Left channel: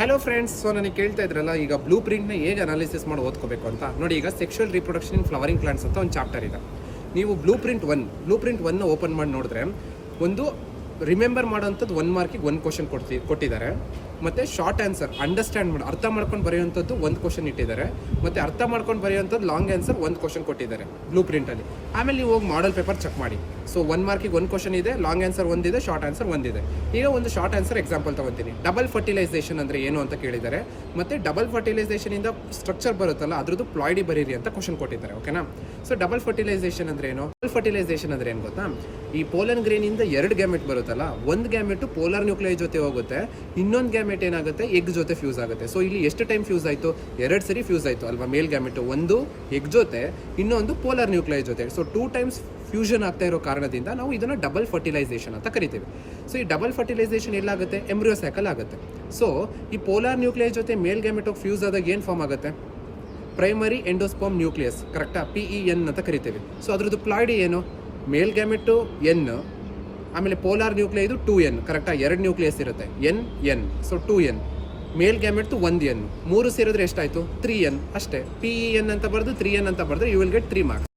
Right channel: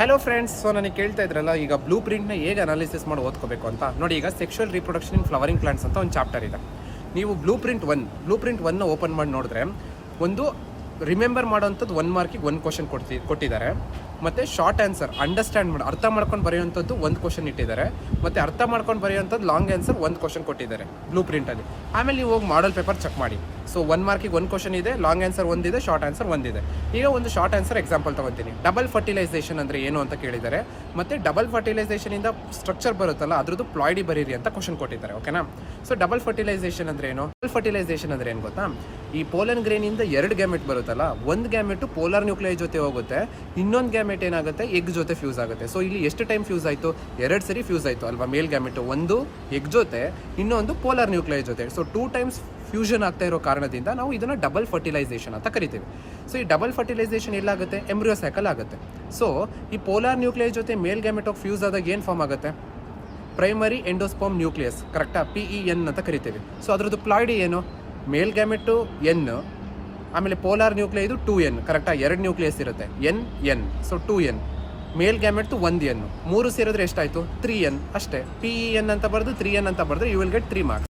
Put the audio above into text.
Hello friends, so ನನಗೆ ಕೇಳ್ತಾ ಇದ್ರಲ್ಲ ಈಗ ಬ್ಲೂ ಪ್ರಿಂಟ್ನ ಹೇಗೆ ಅನಾಲಿಸಿಸ್ ಮಾಡಿ ಓದ್ಕೋಬೇಕು ಅಂತ ನೋಡಿ. ಈಗ ಸೆಕ್ಷುವಲ್ ರಿಪ್ರೊಡಕ್ಷನ್ ಇನ್ ಫ್ಲವರಿಂಗ್ ಪ್ಲಾಂಟ್ಸ್ ಅಂತ ಒಂದು ಚಾಪ್ಟರ್ ಇದೆ. ನೀವು ಬ್ಲೂ ಪ್ರಿಂಟ್ ಒನ್ ಓಪನ್ ಮಾಡಿ ನೋಡಿದ್ರೆ ಒಂದು ರಿಮೆಂಬರ್ ಮಾಡೋಂಥದ್ದು 1 ಮಾರ್ಕಿಗೆ 1 ಕ್ವಶನ್ ಕೊಟ್ಟಿದ್ದಾರೆ. ಮತ್ತು ಶಾರ್ಟ್ ಆನ್ಸರ್ ಅಂಡರ್ಸ್ಟ್ಯಾಂಡ್ ಮಾಡಿ ಅರ್ಥ ಮಾಡ್ಕೊಂಡು ಬರೆಯುವಂಥದ್ದು 1 ಕ್ವಶನ್ ಇಟ್ಟಿದ್ದಾರೆ. ಮತ್ತು ಅರ್ಥ ಮಾಡ್ಕೊಂಡು ಬರೆಯುವಂಥದ್ದು ಲಾಂಗ್ ಆನ್ಸರ್ 1 ಕ್ವಶನ್ ಕೊಟ್ಟಿದ್ದಾರೆ ಬ್ಲೂ ಪ್ರಿಂಟಲ್ಲಿ. ಆಮೇಲೆ ನೀವು ಹೋಗಿ ಮಾಡಲ್ ಪೇಪರ್ ಚೆಕ್ ಮಾಡಿ. ಸೊ 1 ಮಾರ್ಕಿಗೆ 1 ಕ್ವಶನ್ ಇದೆ, ಲಾಂಗ್ ಆನ್ಸರ್ ಒಂದಿದೆ, ಶಾರ್ಟ್ ಆನ್ಸರ್ ಒಂದಿದೆ. ಈಗ ಒಂದು ಶಾರ್ಟ್ ಆನ್ಸರ್ ಎಕ್ಸಾಂಪಲ್ ತೊಗೊತೀನಿ. ಡಬಲ್ ಫರ್ಟಿಲೈಸೇಷನ್ ಅಂದರೆ ಏನು ಅಂತ ಕೇಳಿದ್ದಾರೆ. ಮತ್ತು ಡಬಲ್ ಫರ್ಟಿಲೈಸೇಷನಿಂದ ಸ್ಟ್ರಕ್ಚರ್ ಬರುತ್ತಲ್ಲ ಅದ್ರದ್ದು ಪ್ಲಾಯ್ಡಿ ಬರೀರಿ ಅಂತ ಕ್ವಶನ್ ಕೊಟ್ಟಿದ್ದಾರೆ. ಓಕೆನಾ? ಸೊ ಡಬಲ್ ಫರ್ಟಿಲೈಸೇಷನ್ ಅಂದರೆ ಏನು? ಡಬಲ್ ಫರ್ಟಿಲೈಸೇಷನ್ ಅಂದರೆ ಏನು ಗೊತ್ತಾ? ಈ ಪೋಲನ್ ಗ್ರೇನಿಂದ 2 ಗ್ಯಾಮೆಟ್ ಬರುತ್ತಲ್ಲ, ಒಂದು ಗ್ಯಾಮೆಟ್ ಪೋಲಾರ್ ನ್ಯೂಕ್ಲಿಯೈ ಜೊತೆ ಹೋಗುತ್ತೆ, ಇನ್ನೊಂದು ಗ್ಯಾಮೆಟ್ ಏನಾಗುತ್ತೆ ಎಗ್ ಜೊತೆ ಫ್ಯೂಸ್ ಆಗುತ್ತೆ. ಸೊ ಇಲ್ಲಿ ಎಷ್ಟು ಟೈಮ್ ಫ್ಯೂಸ್ ಆಯಿತು? 2 ಸರಿ ಫ್ಯೂಸ್ ಆಯಿತು ಅಲ್ವಾ? ಮೇಲ್ ಗ್ಯಾಮೆಟ್ ಒಂದು ಎಗ್ ಜೊತೆ, ಇನ್ನೊಂದು ಪೋಲಾರ್ ನ್ಯೂಕ್ಲಿಯೈ ಜೊತೆ. ಸೊ 2 ಟೈಮ್ಸ್ ಫ್ಯೂಷನ್ ಆಗ್ತಾ ಇರೋ ಕಾರಣದಿಂದ ನಾವು ಇದನ್ನು ಡಬಲ್ ಫರ್ಟಿಲೈಸೇಷನ್ ಅಂತ ಕರಿತೀವಿ. ಸೊ ಈ ಡಬಲ್ ಫರ್ಟಿಲೈಸೇಷನ್ ಎಲ್ಲಾಗುತ್ತೆ? ಎಂಬ್ರಿಯೋ ಸೈಕಲ್ ಆಗುತ್ತೆ. ಸೊ ಈ ಪೋಲಾರ್ ನ್ಯೂಕ್ಲಿಯೈ ಜೊತೆ ಮೇಲ್ ಗ್ಯಾಮೆಟ್ ಫ್ಯೂಸ್ ಆದಾಗ ಏನು ಫಾರ್ಮ್ ಆಗುತ್ತೆ? ಪ್ರೈಮರಿ ಎಂಡೋಸ್ಪರ್ಮ್ ನ್ಯೂಕ್ಲಿಯಸ್, ಕರೆಕ್ಟಾ? PEN ಅಂತ ಕರಿತೀವಿ. ಸೊ ಅದ್ರದ್ದು ಪ್ಲಾಯ್ಡಿ ಏನು? ಮೇಲ್ ಗ್ಯಾಮೆಟು N, ಆಮೇಲೆ ಪೋಲಾರ್ ನ್ಯೂಕ್ಲಿಯೈ ಇದು 2N, ಕರೆಕ್ಟಾ? 2 ನ್ಯೂಕ್ಲಿಯಸ್ ಇರುತ್ತೆ, N. So 2N. ಮೇಲ್ ಗ್ಯಾಮೆಟ್ 1N, 3 ಸೇರಿದ್ರೆ ಎಷ್ಟಾಯಿತು? 3N ಅಷ್ಟೇ. PEN ಅಂತ ಬರೆದು 3N ಅಂತ ಬರೆದು ಯು ವಿಲ್ ಗೆಟ್ 3 ಮಾರ್ಕ್ಸ್.